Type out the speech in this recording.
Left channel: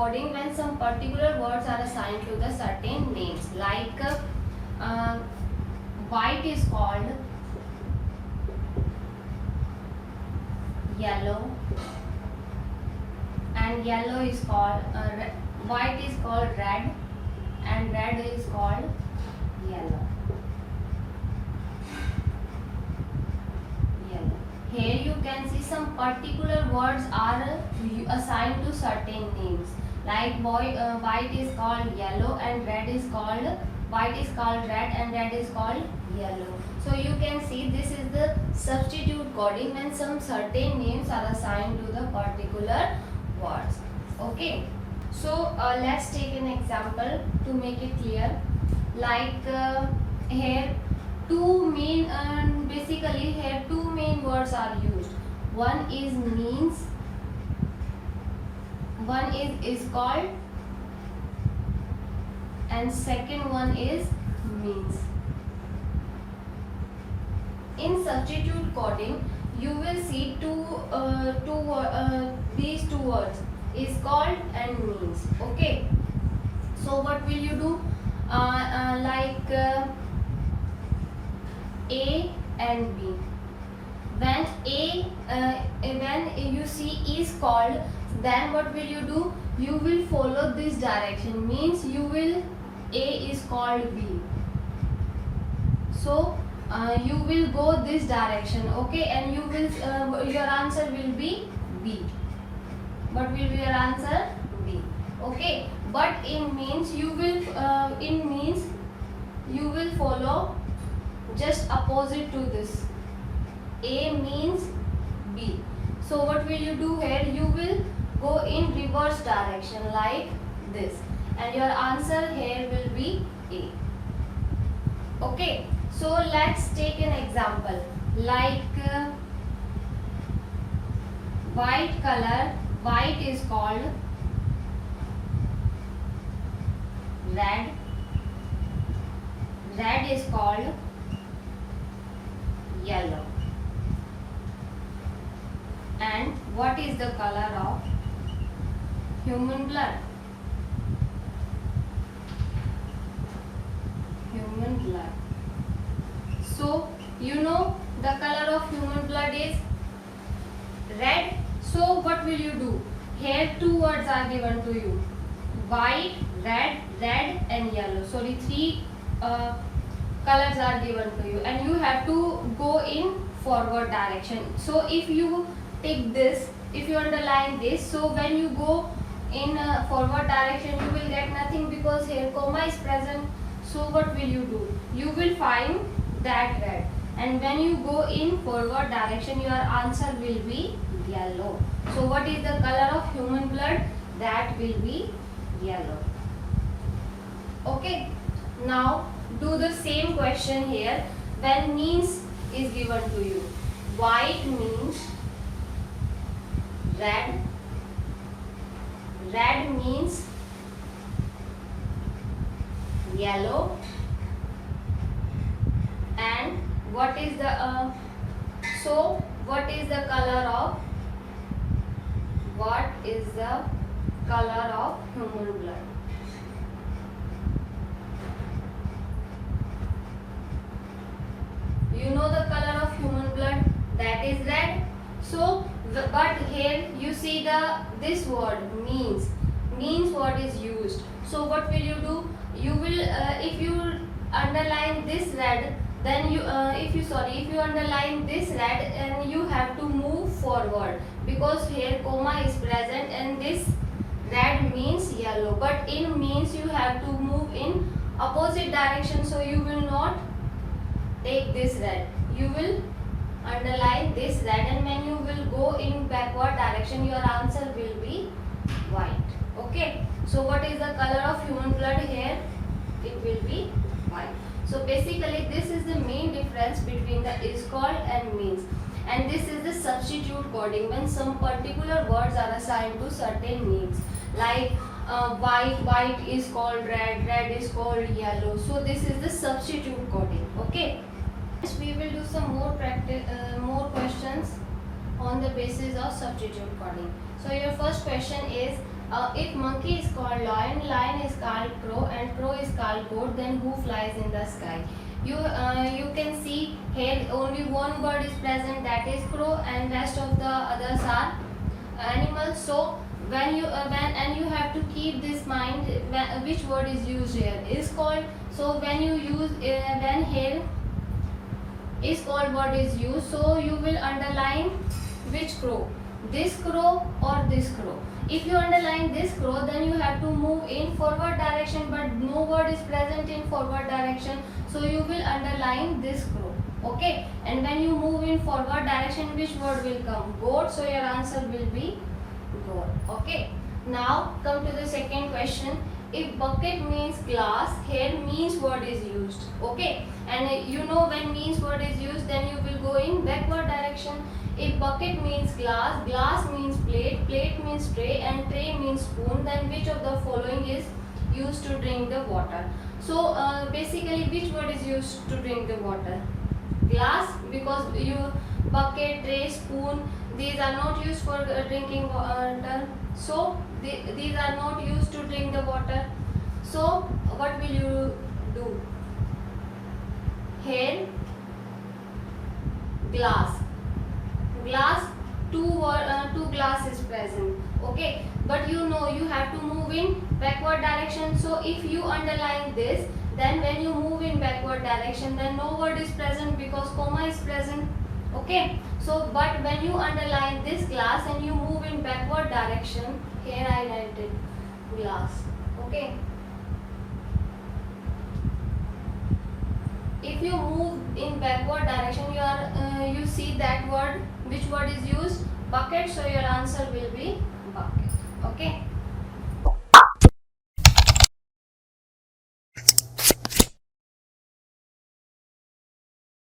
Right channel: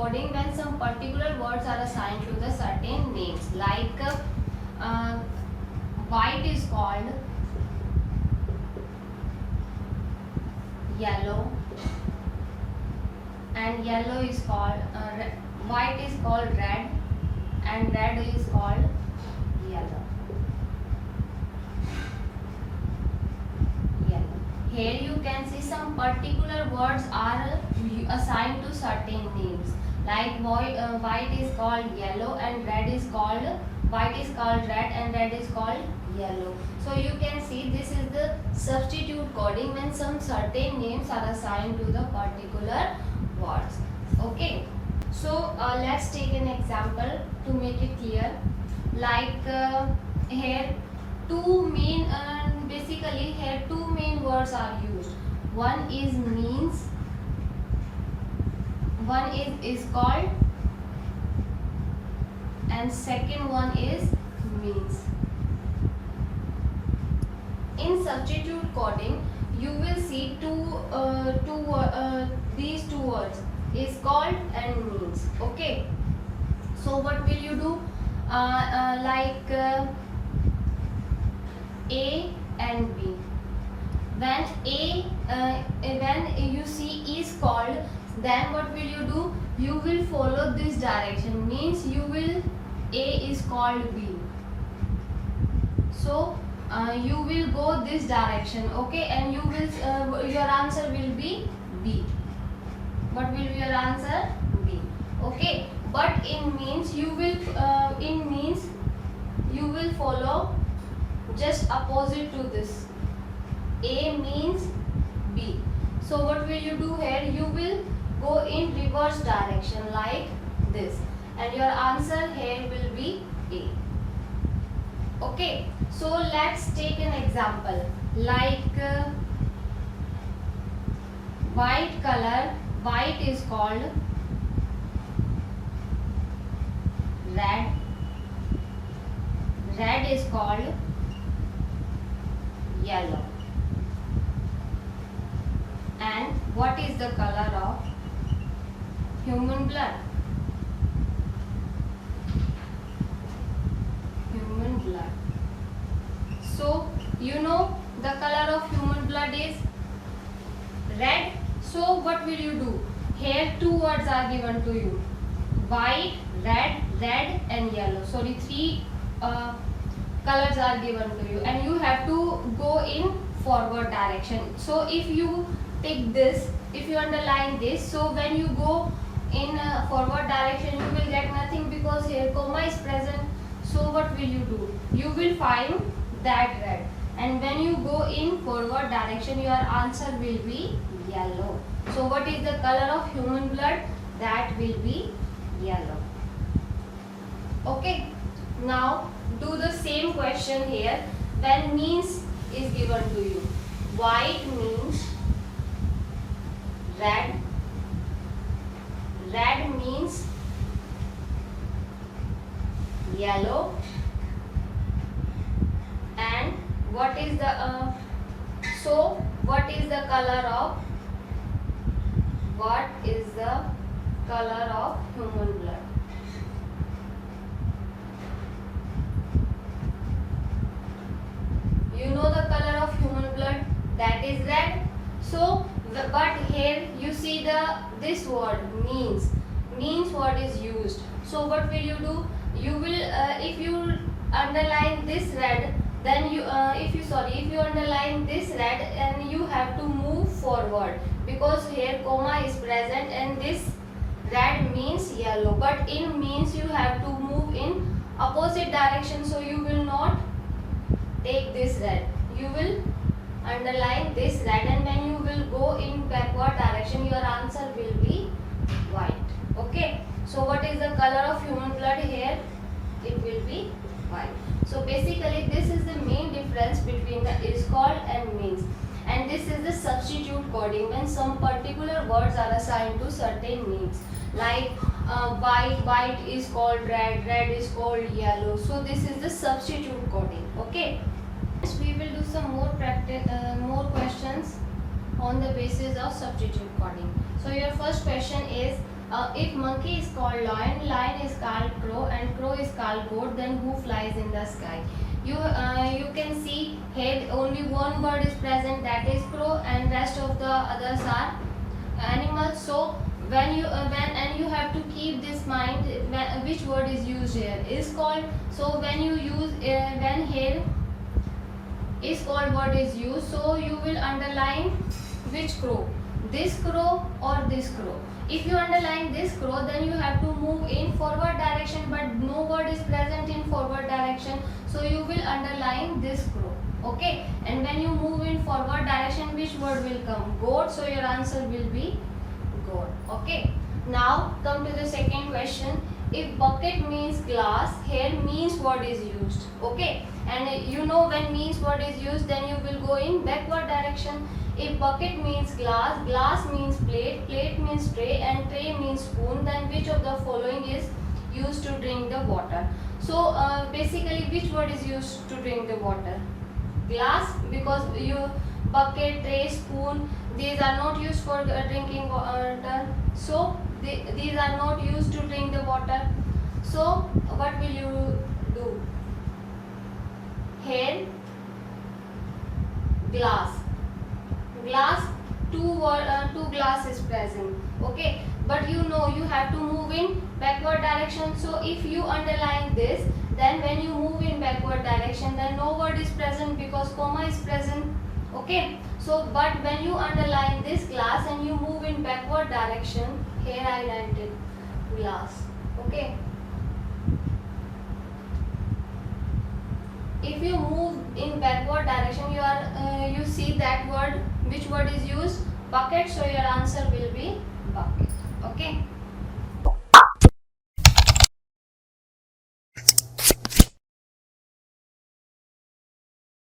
coding when some particular words are assigned to the certain names. Like white is called yellow, and yellow is called white is called red, and red is called yellow. Here you can see some particular words are assigned to certain names. Like white is called yellow, and red is called white is called red, and red is called yellow. So you can see this is the substitute coding when some certain names are assigned to the particular words. Okay. So let's take an example to make it clear. Like here basically here two main words are used. One is means, one is called, and second one is means. In substitute coding you will see these two words is called and means. Okay, so what will you do? Like A and B. When you see is called, then what will you do? You will follow this direction. Means you will A is called B. So you will go this direction. Okay, and you will your answer will be B. What will be your answer? B. Okay, but in means you will follow just opposite to this. A means B. So what will you do here? You will go in reverse direction like this, and your answer here will be A. Okay, so let's take an example. Like white color, white is called red, red is called yellow. And what is the color of human blood? Human blood. So you know the color of human blood is red. So what will you do? Here two words are given to you: white, red, red and yellow. Sorry, three colors are given to you, and you have to go in forward direction. So if you take this, if you underline this, so when you go in forward direction you will get nothing because here comma is present. So what will you do? You will find that red, and when you go in forward direction your answer will be yellow. So what is the color of human blood? That will be yellow. Okay, now do the same question here. When means is given to you, white means red, red means yellow, and what is the so what is the color of human blood? You know the color of human blood, that is red. So but here you see this word means word is used. So what will you do? You will if you underline this red, then if you underline this red, and you have to move forward because here comma is present, and this red means yellow, but in means you have to move in opposite direction. So you will not take this red, you will underline this red, and when you will go in backward direction your answer will be white. Okay, so what is the color of human blood here? It will be white. So basically this is the main difference between the is called and means, and this is the substitute coding when some particular words are assigned to certain names. Like white is called red, red is called yellow. So this is the substitute coding. Okay, we will do some more questions on the basis of substitute coding. So your first question is, If monkey is called lion, lion is called crow, and crow is called goat, then who flies in the sky? You can see here only one bird is present, that is crow, and rest of the others are animals. So when you have to keep this mind which word is used here is called. So when you use when here is called word is used, so you will underline which crow, this crow or this crow. If you underline this crow, then you have to move in forward direction, but no word is present in forward direction, so you will underline this crow. Okay, and when you move in forward direction, which word will come? Goat, so your answer will be goat. Okay, now come to the second question. If bucket means glass, here means word is used. Okay, and you know when means word is used, then you will go in backward direction. If bucket means glass, glass means plate, plate means tray, and tray means spoon, then which of the following is used to drink the water? So basically which word is used to drink the water? Glass, because you bucket, tray, spoon, these are not used for drinking water. So these are not used to drink the water. So what will you do? Here glass, glass, two glass is present. Okay, but you know you have to move in backward direction. So if you underline this, then when you move in backward direction, then no word is present because comma is present. Okay, so but when you underline this glass and you move in backward direction, here I landed glass. Okay, if you move in backward direction, you see that word, which word is used? Bucket, so your answer will be bucket. Okay.